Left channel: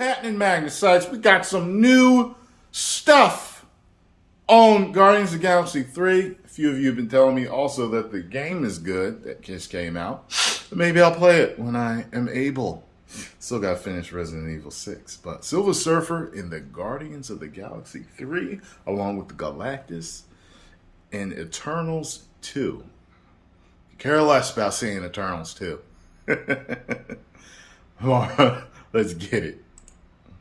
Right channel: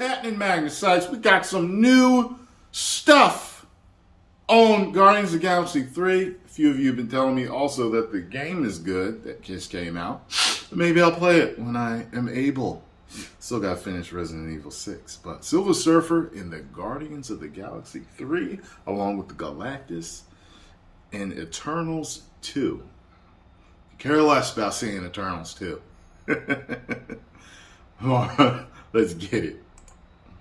happening, Magnus sites? We got some new stuff on Guardians of the Galaxy 3. A few of you have been telling me also that the game is good that just came out. But maybe I'll play it when I am able. Still got to finish Resident Evil 6. But Silver Surfer in the Guardians of the Galaxy 3, along with the Galactus and Eternals 2. Care less about seeing Eternals 2. Let's get it.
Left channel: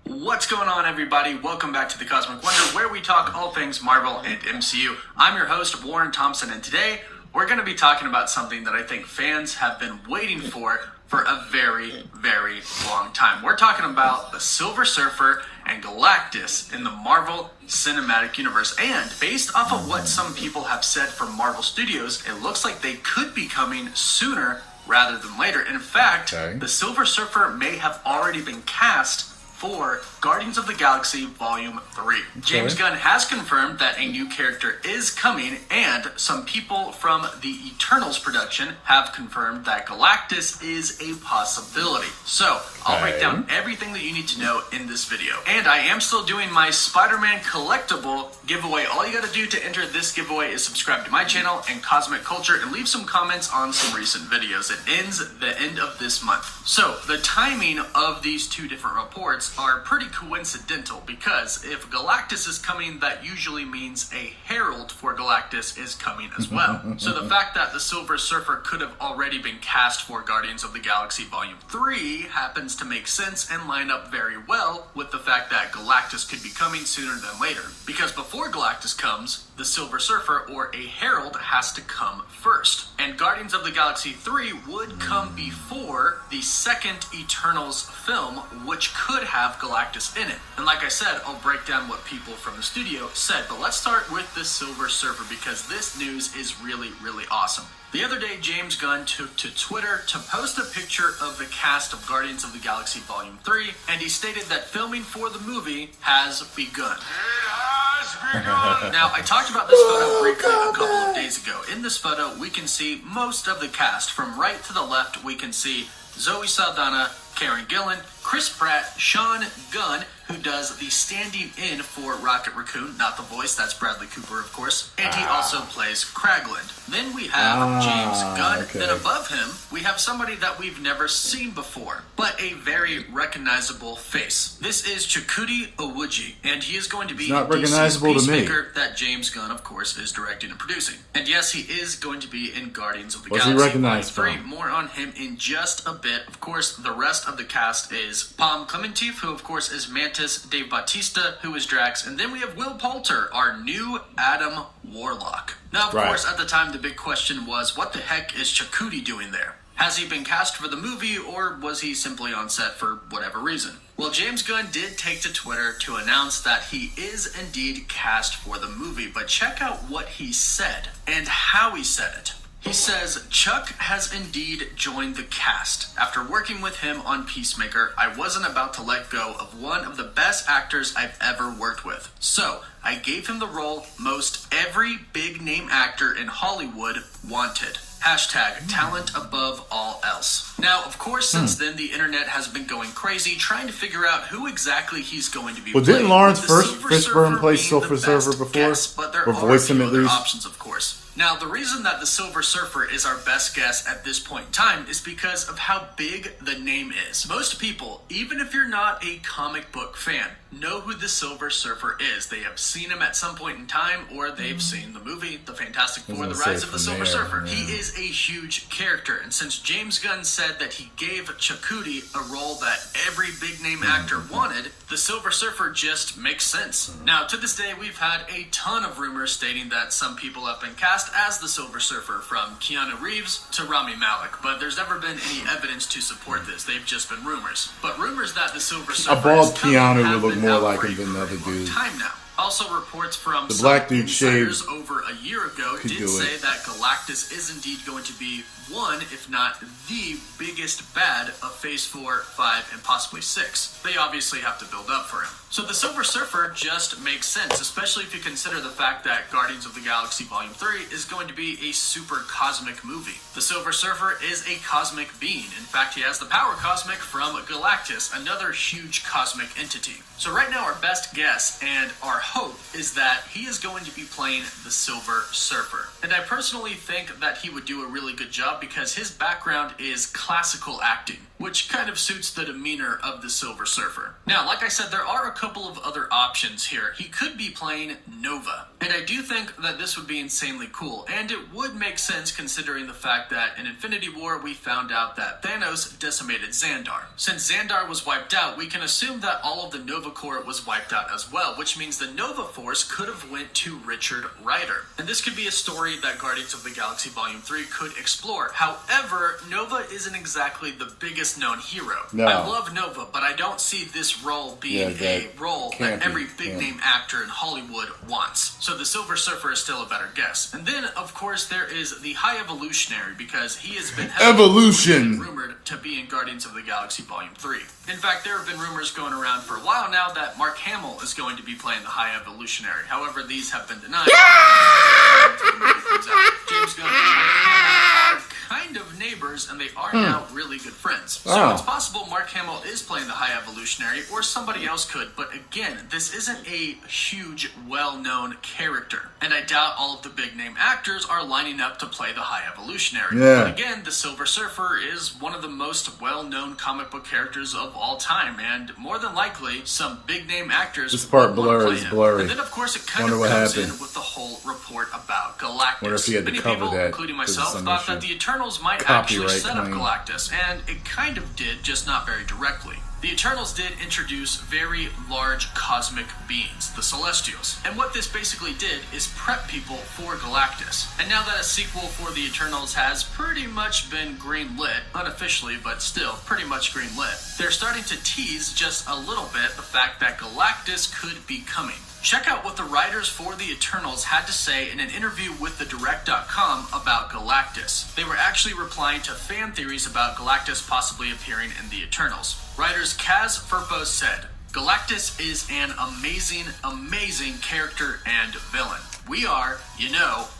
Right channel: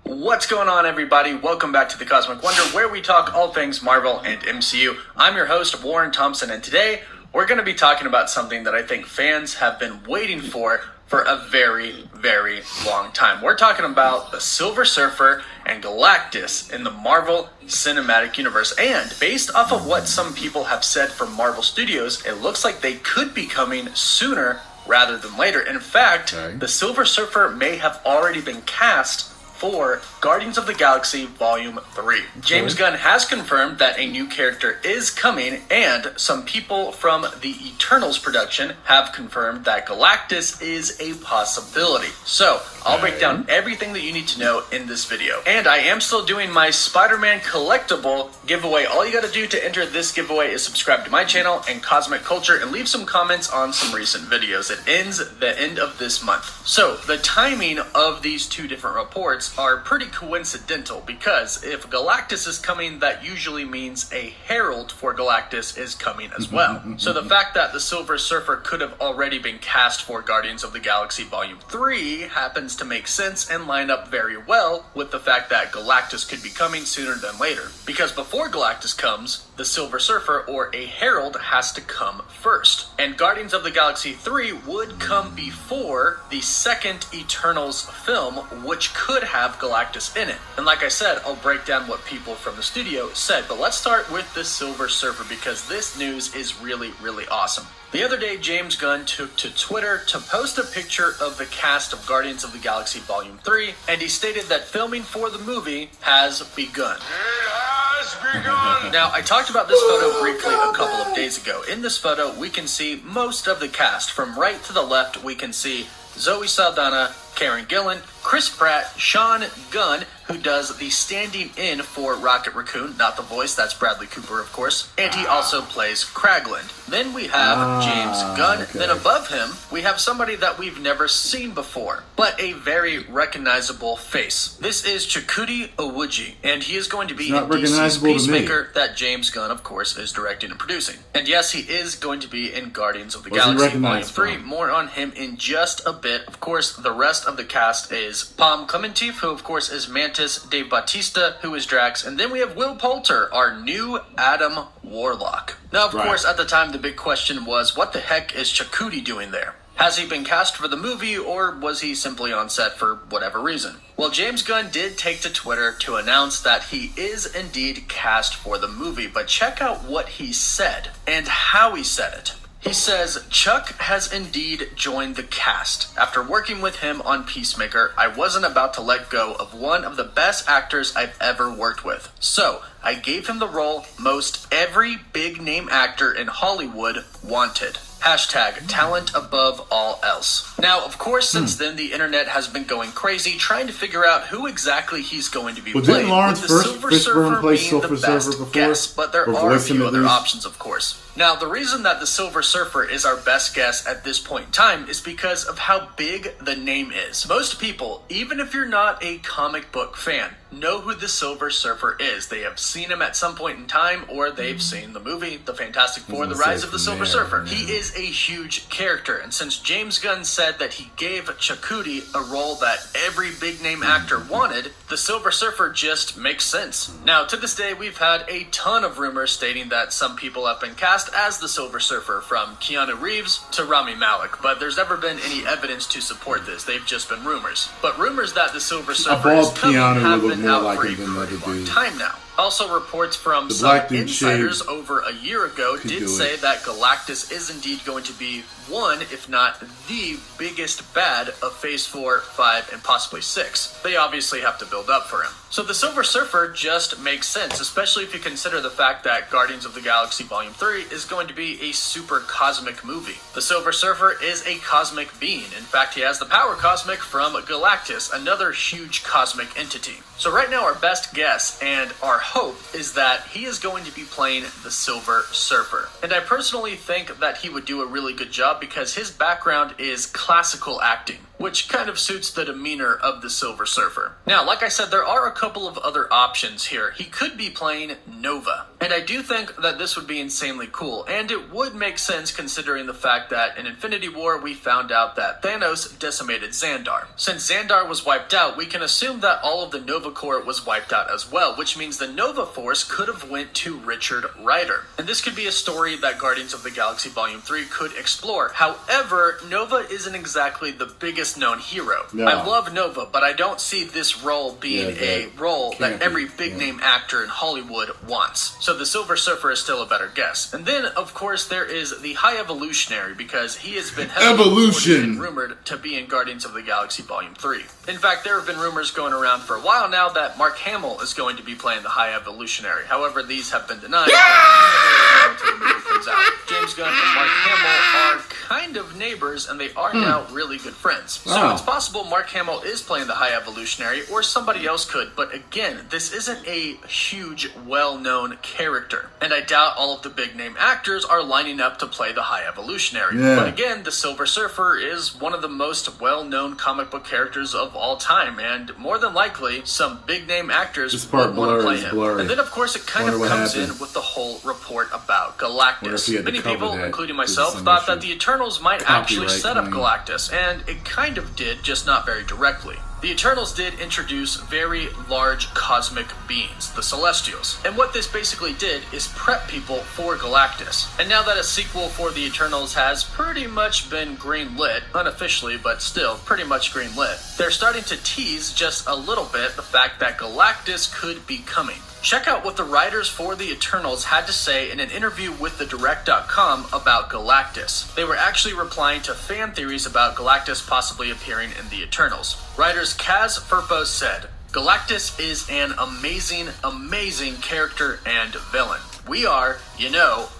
What's going on, everybody? Welcome back to the Cosmic Wonder, where we talk all things Marvel and MCU. I'm your host, Warren Thompson, and today we're going to be talking about something that I think fans have been waiting for a very, very long time. We're talking about the Silver Surfer and Galactus in the Marvel Cinematic Universe. And based off of what some people have said from Marvel Studios, it looks like they could be coming sooner rather than later. And in fact, the Silver Surfer may have already been cast for Guardians of the Galaxy Volume 3. James Gunn has confirmed that a new character is coming, and some people from the Eternals production have confirmed that Galactus is a possibility. So, I'll break down everything that you need to know in this video. And I am still doing my Spider-Man collectible giveaway. All you gotta do to enter this giveaway is subscribe to my channel and Cosmic Culture and leave some comments on some recent videos. It ends the end of this month. So, the timing of these two different reports are pretty coincidental, because if Galactus is coming, that usually means a herald for Galactus is coming as well. So the fact that the Silver Surfer could have already been cast for Guardians of the Galaxy Volume 3 happens to make sense and line up very well with the fact that Galactus could be coming sooner than later. Because before Galactus comes, the Silver Surfer or a herald has to come first. And Guardians of the Galaxy 3 would come before the second Eternals film, which could have Galactus in it. And like I said, I'll break down what people from the studio said, but let's start with the Silver Surfer, because this news is really, really awesome. The other day, James Gunn took to Twitter to post a picture of the cast of Guardians of the Galaxy Volume 3, and he stated that filming for the movie has begun. Now, I talked about this photo briefly a couple of days ago. In this photo, we can see most of the cast. From right to the left, we can see Zoe Saldana, Karen Gillan, Chris Pratt, Sean Gunn, who does the standing in for Rocket Raccoon, not the voice, that's Bradley Cooper, of course, and he also plays Kraglin. Then we have James Gunn, then above him, we have somebody that we've never seen before, but a very recognizable face. This is Chakudi Owuji, and he is going to be in DC's Peacemaker that James Gunn, of course, is directing and producing. And yes, he is going to be in Guardians of the Galaxy Volume 3. More on him in just a bit. Of course, the rest of the cast is Palm Clementif, who of course is Mantis, Dave Bautista, who is Drax, and then we have Will Poulter, our new Adam Warlock. Now, of course, at the time, the big question was, what the heck is Chakudi doing there? Has he been cast for the movie, or was he simply on set for whatever reason? Well, James Gunn did take to Twitter to announce that he is indeed cast for the movie, but check out what he said and how he said it. He says, Chuck has indeed joined the cast. After working with him on Peacemaker, I wasn't about to let go of one of the best actors I've ever worked with. So, I gave him the role most every big-name actor in Hollywood wanted. Hashtag talent above all else. Now, of course, since then, the internet has been going crazy trying to figure out who exactly he's going to be playing. Didn't Lawrence Fishburne play Silver Surfer before? Guess, but there are a few other options, of course. Now, the reason that the Silver Surfer is our best guess at this point in time is because of how big the name is. Most people, even if you're not a comic book fan, know who the Silver Surfer is. They have seen him at some point in time, or they've seen the movie, The Fantastic Four, The Rise of the Silver Surfer. He is a huge character, and since James Gunn said that he gave Chakudi a role that every big-name actor wanted, the Silver Surfer just makes sense. Now, to this day, we've had a ton of rumors stating that some people have been cast as the Silver Surfer, from Keanu Reeves to Rami Malek, but there's never been any evidence to support this. They've just been rumors. But rumors that the Silver Surfer is coming have been out for a very long time now. Also, reports from The some black dude insiders shaved. over a year ago did say that Galactus is indeed going to be one, if not the biggest bad of Phase 4, 5, and possibly 6. They obviously have to build up for him. So the Silver Surfer just makes sense, especially if you consider the fact that Guardians of the Galaxy Volume 3 is going to be a super cosmic movie. The Silver Surfer is a cosmic being. In fact, he has the power cosmic from Galactus, another huge cosmic entity. So right now our best guess and our hope is that he is going to be playing the Silver Surfer. And I personally think that he would do a really good job because his background is classical acting, which kind of suits the demeanor of the Silver Surfer. Now, like I said, there are a couple of other options here. He could be playing Nova, and I do think that this would be insanely cool, and it would make sense considering the fact that in Infinity War we found out that Thanos decimated Xandar. Since Xandar was wiped out, we can assume that all of the Nova Corps was wiped out as well, which means the Nova Force could have went to Richard Rider. And this could be a story that Guardians of the Galaxy Volume 3 could explore. However, Nova isn't exactly the biggest known hero. No. I love Nova, but I don't see this role being a role that every big name actor in Hollywood wants. So the Silver Surfer is still a better guess. And then, of course, there is the High Evolutionary, because he has been heavily rumored to be in Guardians of the Galaxy Volume 3. In fact, there have been rumors going around for a while now that Mark Hamill is going to be playing the High Evolutionary. However, these have been denied. James Gunn and Mark Hamill are kind of neighbors, and they are now really good friends. So it's possible Mark Hamill is playing the High Evolutionary, or somebody else could, but again, this isn't a huge, well-known character, and I doubt all of the big-name actors are lining up to play the High Evolutionary. But again, the Silver Surfer is one of the most well-known comic book characters of all time, and more than likely, some big-name actors would want to play him. And then, of course, it kind of comes in with the whole report about Galactus. Many people, including myself, thought that the Eternals might actually set up Galactus, and it kind of did, just not very directly. The Eternals did introduce very large cosmic beings, the Celestials. And what this basically did is prep people for Galactus. And now that a sequel for the Eternals has pretty much been greenlit, unofficially, but still pretty much greenlit, they're starting to tease just a little bit the fact that Galactus could be coming. Check out what the writers for the Eternals had to say in an interview with TheDirect.com about Galactus. They were actually replying to fan theories about Galactus possibly appearing in the Eternals. Writers Kaz Furpo said, "Galactus is an amazing character and villain. We are,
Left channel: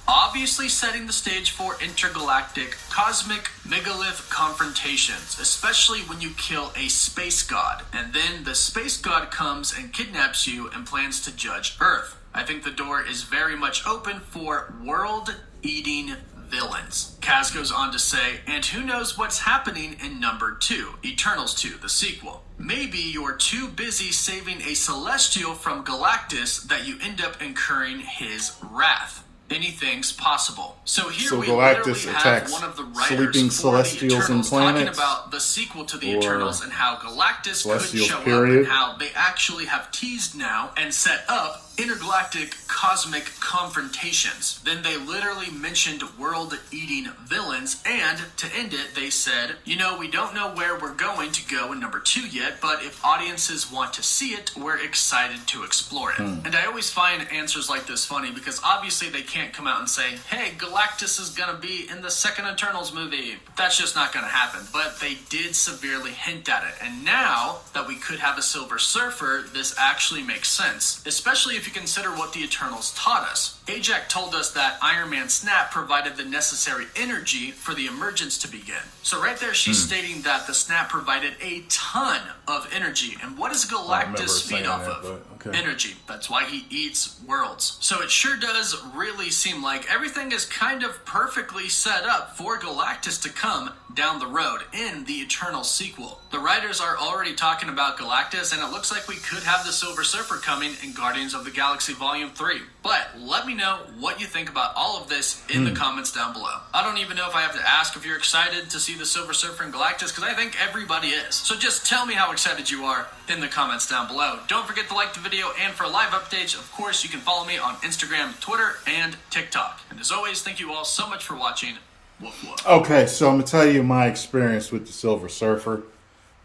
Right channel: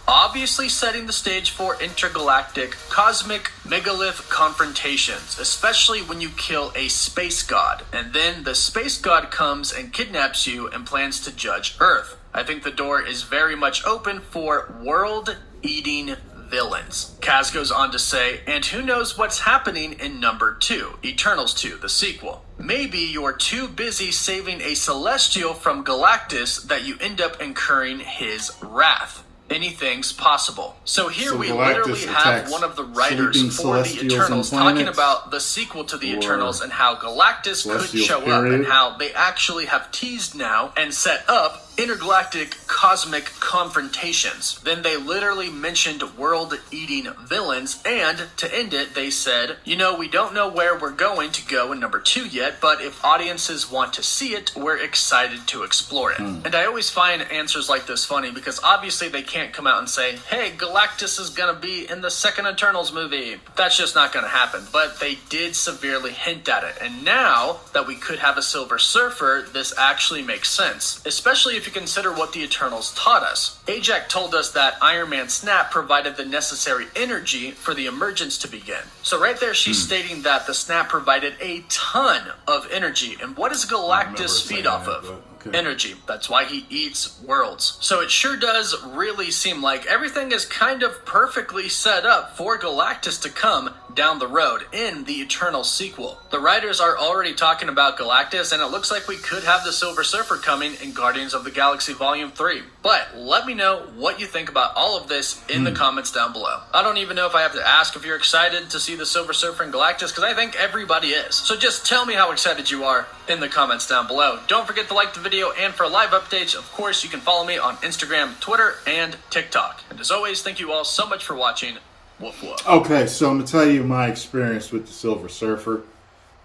obviously setting the stage for intergalactic, cosmic, megalith confrontations, especially when you kill a space god, and then the space god comes and kidnaps you and plans to judge Earth. I think the door is very much open for world-eating villains." Kaz goes on to say, "And who knows what's happening in number 2, Eternals 2, the sequel. Maybe you're too busy saving a Celestial from Galactus that you end up incurring his wrath. Anything's possible." So here we literally have one of the writers for the Eternals talking about the sequel to the Eternals and how Galactus could show up and how they actually have teased now and set up intergalactic cosmic confrontations. Then they literally mentioned world-eating villains, and to end it, they said, we don't know where we're going to go in number 2 yet, but if audiences want to see it, we're excited to explore it. And I always find answers like this funny because obviously they can't come out and say, hey, Galactus is gonna be in the second Eternals movie. That's just not gonna happen. But they did severely hint at it. And now that we could have a Silver Surfer, this actually makes sense, especially if you consider what the Eternals taught us. Ajak told us that Iron Man's snap provided the necessary energy for the emergence to begin. So right there she's stating that the snap provided a ton of energy. And what does Galactus feed off of? Energy. That's why he eats worlds. So it sure does really seem like everything is kind of perfectly set up for Galactus to come down the road in the Eternal sequel. The writers are already talking about Galactus, and it looks like we could have the Silver Surfer coming in Guardians of the Galaxy Volume 3. But let me know what you think about all of this in the comments down below. I don't even know if I have to ask if you're excited to see the Silver Surfer and Galactus, because I think everybody is. So just tell me how excited you are in the comments down below. Don't forget to like the video, and for live updates, of course, you can follow me on Instagram, Twitter, and TikTok. And as always, thank you all so much for watching. Woof woof. Okay, so I'm going to tell you my experience with the Silver Surfer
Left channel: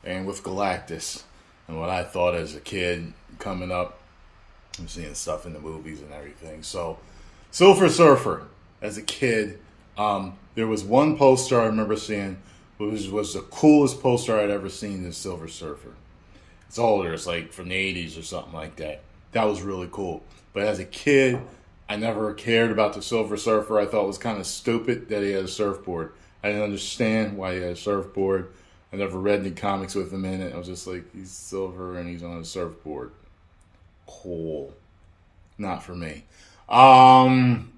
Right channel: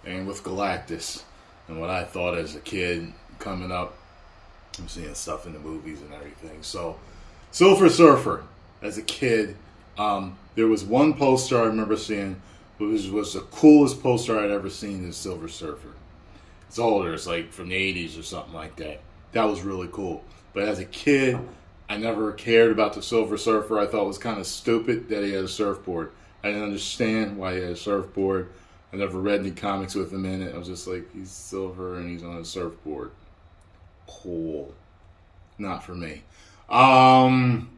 and with Galactus and what I thought as a kid coming up. I'm seeing stuff in the movies and everything. So, Silver Surfer, as a kid, there was one poster I remember seeing, which was the coolest poster I'd ever seen, is Silver Surfer. It's older, it's like from the 80s or something like that. That was really cool. But as a kid, I never cared about the Silver Surfer. I thought it was kind of stupid that he had a surfboard. I didn't understand why he had a surfboard. I never read any comics with him in it. I was just like, he's silver and he's on a surfboard. Cool. Not for me. Once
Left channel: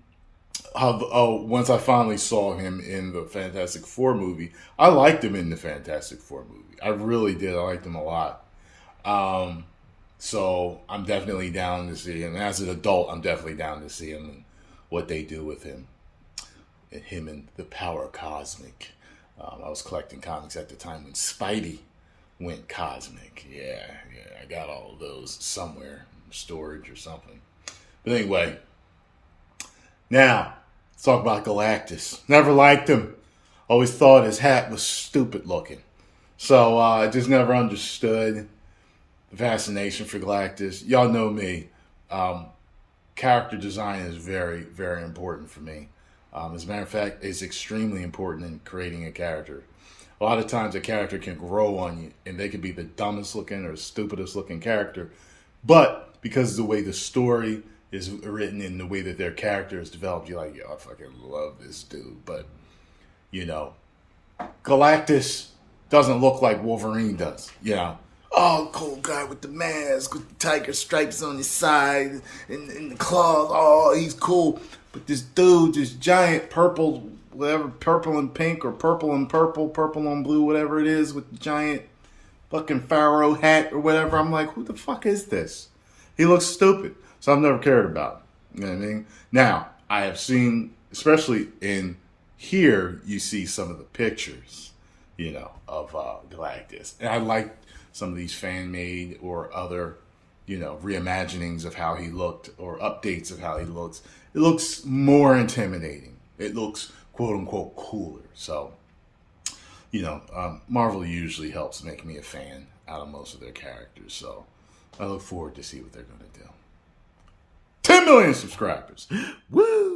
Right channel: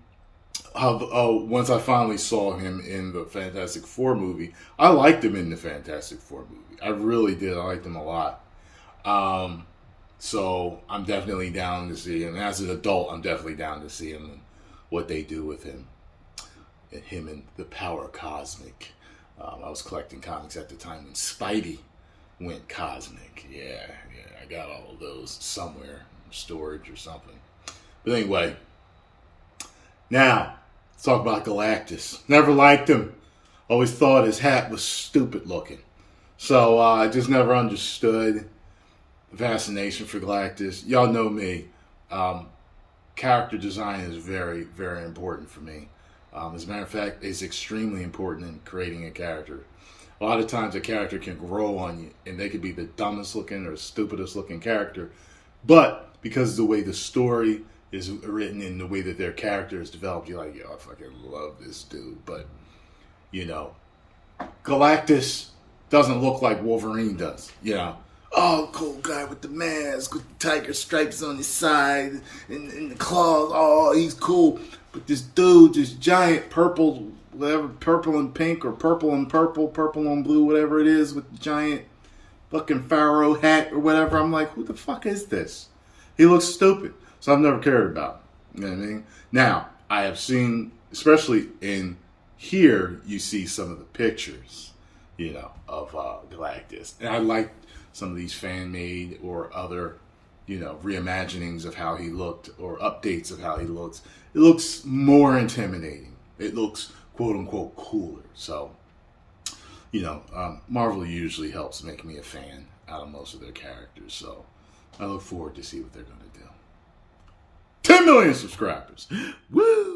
I finally saw him in the Fantastic Four movie, I liked him in the Fantastic Four movie. I really did. I liked him a lot. So I'm definitely down to see him. And as an adult, I'm definitely down to see him and what they do with him. And him and the Power Cosmic. I was collecting comics at the time when Spidey went cosmic. Yeah, I got all of those somewhere in storage or something. But anyway, now let's talk about Galactus. Never liked him. Always thought his hat was stupid looking. So I just never understood the fascination for Galactus. Y'all know me. Character design is very, very important for me. As a matter of fact, it's extremely important in creating a character. A lot of times a character can grow on you, and they could be the dumbest looking or stupidest looking character. But because of the way the story is written and the way that their character is developed, you're like, yo, I fucking love this dude. But, Galactus doesn't look like Wolverine does, Oh, cool guy with the mask, with the tiger stripes on his side, and the claws. Oh, he's cool. But this dude, this giant purple, whatever, purple and pink, or purple and purple, purple and blue, whatever it is, with the giant fucking pharaoh hat or whatever. I'm like, who the fuck is this? He looks stupid. So I've never cared about him. You know what I mean? Now, I have seen, especially in here, you see some of the pictures, of Galactus. And I like some of these fan-made or other, reimaginings of how he looked or updates of how he looks. It looks more intimidating. It looks, quote-unquote, cooler. So, Marvel usually helps make me a fan out of most of their characters. So, I look forward to see what they're going to do. 10 million subscribers. Woo!